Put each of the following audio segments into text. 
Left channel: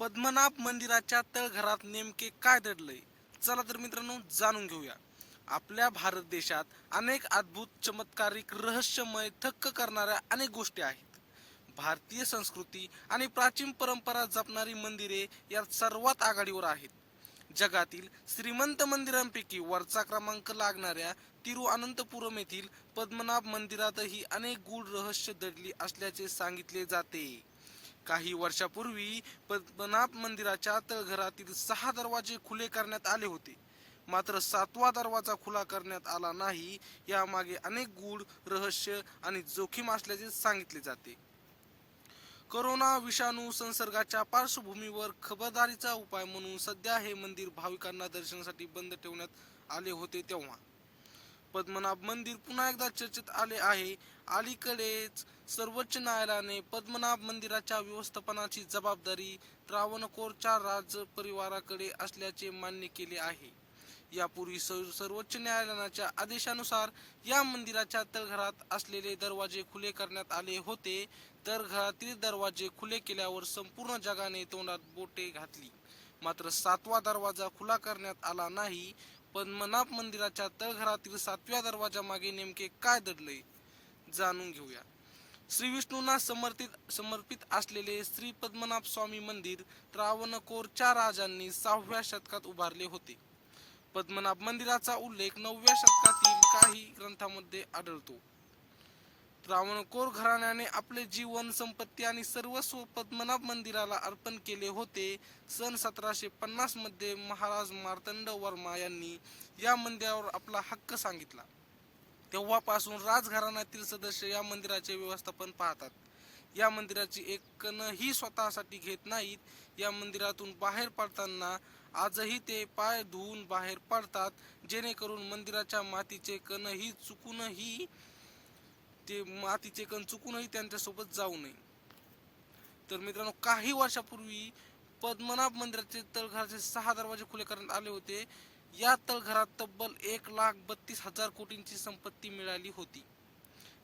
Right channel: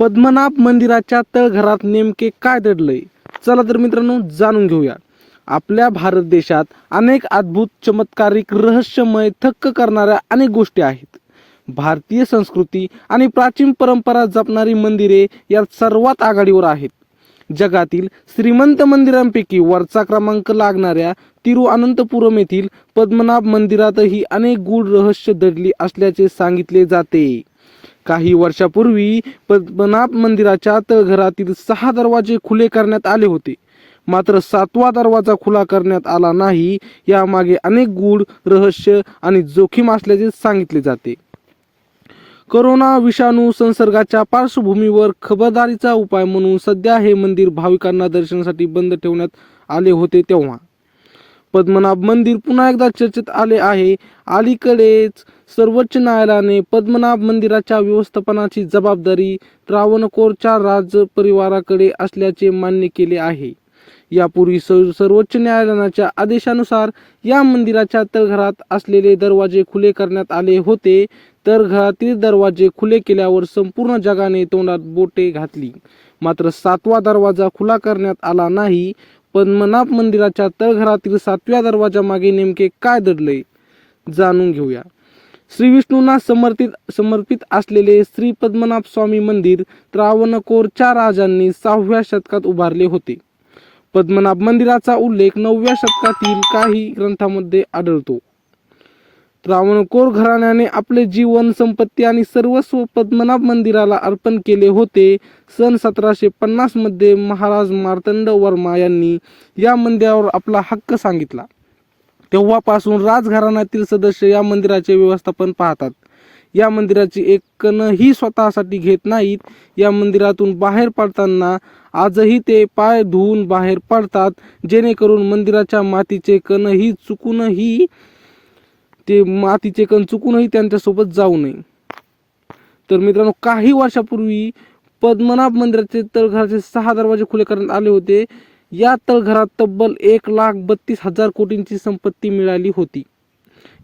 पद्मनाभ मंदिराच्या तळघरात नेमके काय दडलंय? चला तर मित्रांनो जाणून घेऊया. आपल्या भारत देशात अनेक अद्भुत, चमत्कारिक, रहस्यमय, थक्क करणाऱ्या अनेक गोष्टी आहेत. भारतीय संस्कृती आणि प्राचीन परंपरा जपणारी मंदिरे यात सर्वात आघाडीवर आहेत. जगातील श्रीमंत मंदिरांपैकी वरचा क्रमांक लागणाऱ्या तिरुअनंतपुरम येथील पद्मनाभ मंदिरातही अनेक गूढ रहस्य दडली असल्याचे सांगितले जाते. काही वर्षापूर्वी पद्मनाभ मंदिराच्या तळघरातील 6 दरवाजे खुले करण्यात आले होते. मात्र 7वा दरवाजा खुला करण्यात आला नाही. यामागे अनेक गूढ रहस्य आणि जोखीम असल्याचे सांगितले जाते. कोरोना विषाणू संसर्गाच्या पार्श्वभूमीवर खबरदारीचा उपाय म्हणून सध्या हे मंदिर भाविकांना दर्शनासाठी बंद ठेवण्यात आले होते. तेव्हा पद्मनाभ मंदिर पुन्हा एकदा चर्चेत आले आहे. अलीकडेच सर्वोच्च न्यायालयाने पद्मनाभ मंदिराच्या व्यवस्थापनाची जबाबदारी त्रावणकोरच्या राजपरिवाराकडे असल्याचे मान्य केले आहे. यापूर्वी सर्वोच्च न्यायालयाच्या आदेशानुसार या मंदिराच्या तळघरात असलेले दरवाजे खुले करण्यात आले होते. तळघरातील दरवाजे खुले केल्यावर संपूर्ण जगाने तोंडात बोटे घातली. मात्र 7वा दरवाजा खुला करण्यात आला नाही. पद्मनाभ मंदिराच्या तळघरातील 7व्या दरवाजामागे नेमके काय दडले जाणून घेऊया. श्री विष्णूंना समर्पित असलेले श्री पद्मनाभ स्वामी मंदिर त्रावणकोरच्या राजांनी 6व्या शतकात उभारले होते. पद्मनाभ मंदिराचा उल्लेख 9व्या शतकातील काही ग्रंथांमध्ये आढळतो. त्रावणकोर घराण्याने आपले जीवन, संपत्ती आणि सर्वस्व पद्मनाभ मंदिराला अर्पण केले होते. सन 1750 मध्ये महाराज मार्तंड वर्मा यांनी या मंदिरावर आपला हक्क सांगितला. तेव्हापासून राजघराण्यातील सदस्य या मंदिराचे व्यवस्थापन पाहतात. या मंदिराची एक कणही स्वतःसाठी घेत नाहीत. या मंदिरातून बाहेर पडताना आजही ते पाय धुवून बाहेर पडतात, जेणेकरून मंदिराच्या मातीचे कण चुकूनही त्यांच्यासोबत जाऊ नये. तर मित्रांनो, काही वर्षापूर्वी पद्मनाभ मंदिराचे तळघराचे 6 दरवाजे खुले करण्यात आले होते. या तळघरात तब्बल 1,32,000 कोटींची संपत्ती मिळाली होती.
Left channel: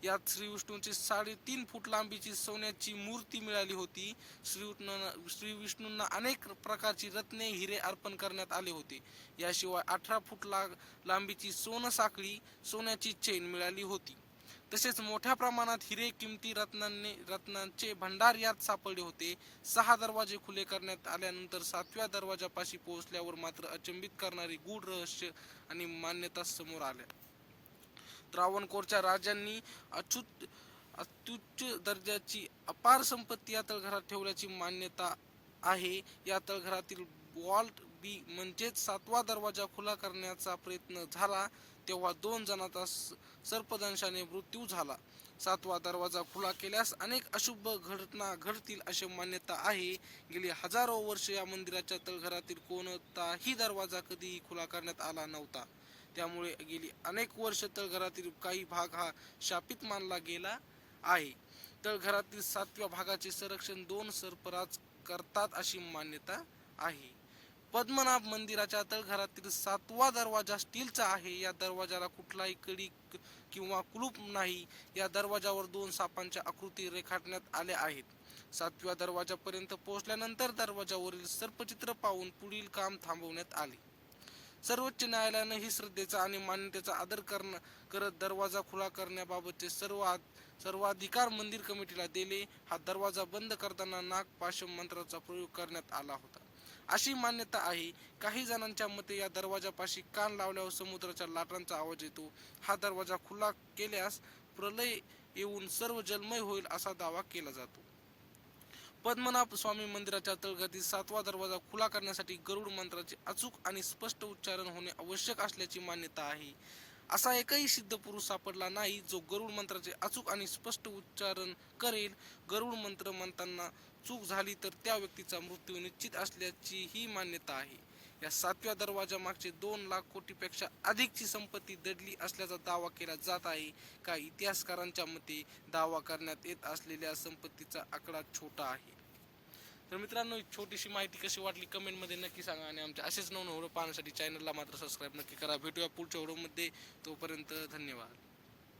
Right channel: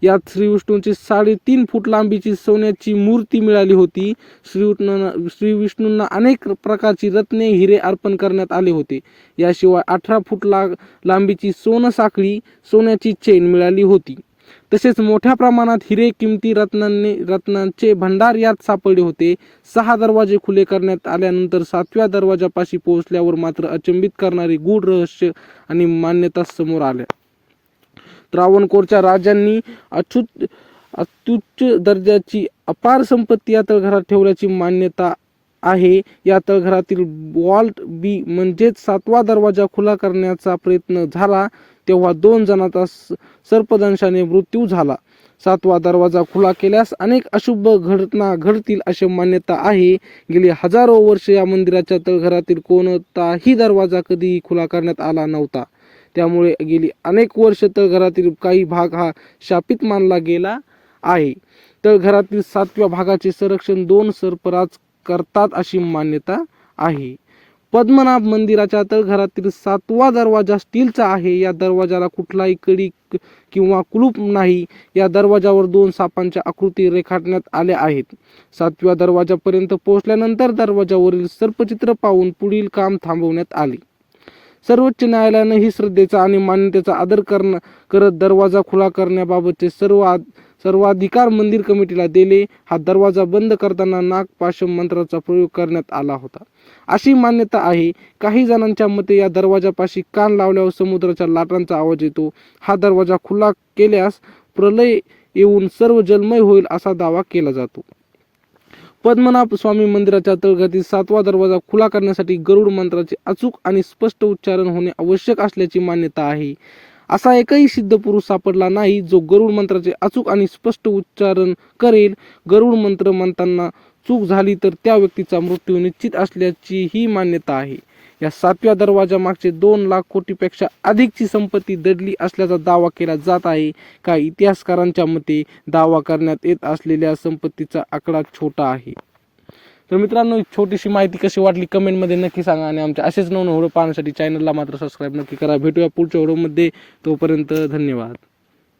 यात श्री विष्णूंची 3.5 फूट लांबीची सोन्याची मूर्ती मिळाली होती. श्री विष्णूंना अनेक प्रकारची रत्ने, हिरे अर्पण करण्यात आले होते. याशिवाय 18 फूट लांबीची सोनसाखळी, सोन्याची चेन मिळाली होती. तसेच मोठ्या प्रमाणात हिरे, किमती रत्नांचे भंडार यात सापडले होते. 6 दरवाजे खुले करण्यात आल्यानंतर 7व्या दरवाजापाशी पोहोचल्यावर मात्र अचंबित करणारी गूढ रहस्य आणि मान्यता समोर आल्या. त्रावणकोरच्या राजांनी अत्युच्च दर्जाची अपार संपत्ती या तळघरात ठेवल्याची मान्यता आहे. या तळघरातील वॉल्ट बी म्हणजेच 7वा दरवाजा खुला करण्याचा प्रयत्न झाला तेव्हा 2 जणांचा सर्पदंशाने मृत्यू झाला. 7वा दरवाजा खुला केल्यास अनेक अशुभ घटना घडतील अशी मान्यता आहे. गेली हजारो वर्ष या मंदिराच्या तळघरातील कोणताही दरवाजा कधीही खुला करण्यात आला नव्हता. त्यामुळे गेली अनेक वर्ष तळघरातील काही भाग हा शापित मानला गेला आहे. तळघरातील 7व्या भागाचे संरक्षण 2 सर्पराज करतात अशी मान्यता आहे. पद्मनाभ मंदिराच्या तळघरातील 7वा दरवाजा स्टीलचा आहे. या दरवाजाला कुठलाही कडी किंवा कुलूप नाही. या दरवाजावर 2 सापांच्या आकृती रेखाटण्यात आल्या आहेत. 7व्या दरवाजापर्यंत पोहोचल्यानंतर दरवाजावरील सर्पचित्र पाहून पुढील काम थांबवण्यात आले. सर्वोच्च न्यायालयाने ही श्रद्धेचा आणि मान्यतेचा आदर करत दरवाजा खुला करण्याबाबतचे सर्वाधिकार मंदिर कमिटीला दिले. हा दरवाजा बंद करताना नागपाशम मंत्राचा प्रयोग करण्यात आला होता अशी मान्यता आहे. काही जणांच्या मते या दरवाजापाशी कान लावल्यावर समुद्राच्या लाटांचा आवाज येतो. हा दरवाजा खुला केल्यास प्रलय येऊन सर्व जलमय होईल असा दावा केला जातो. पद्मनाभ स्वामी मंदिराच्या तळघरातील 7वा दरवाजा खुला करण्यासाठी गरुड मंत्राचे अचूक आणि स्पष्ट उच्चारण होणे आवश्यक असल्याची मान्यता आहे. असा एकही सिद्ध पुरुष सापडला नाही जो गरुड मंत्राचे अचूक आणि स्पष्ट उच्चारण करेल. गरुड मंत्र म्हणताना चूक झाली तर त्या व्यक्तीचा मृत्यू निश्चित असल्याची ही मान्यता आहे. या 7व्या दरवाजामागचे 2 लाख कोटीपेक्षा अधिकची संपत्ती दडली असल्याचा दावा केला जात आहे. काही इतिहासकारांच्या मते दावा करण्यात येत असलेल्या संपत्तीचा आकडा छोटा आहे. तर मित्रांनो, छोटीशी माहिती कशी वाटली कमेंटमध्ये नक्की सांगा आणि आमच्या असेच नवनवीन व्हिडिओ पाहण्यासाठी चॅनलला मात्र सबस्क्राईब नक्की करा. भेटूया पुढच्या व्हिडिओमध्ये. तोपर्यंत धन्यवाद.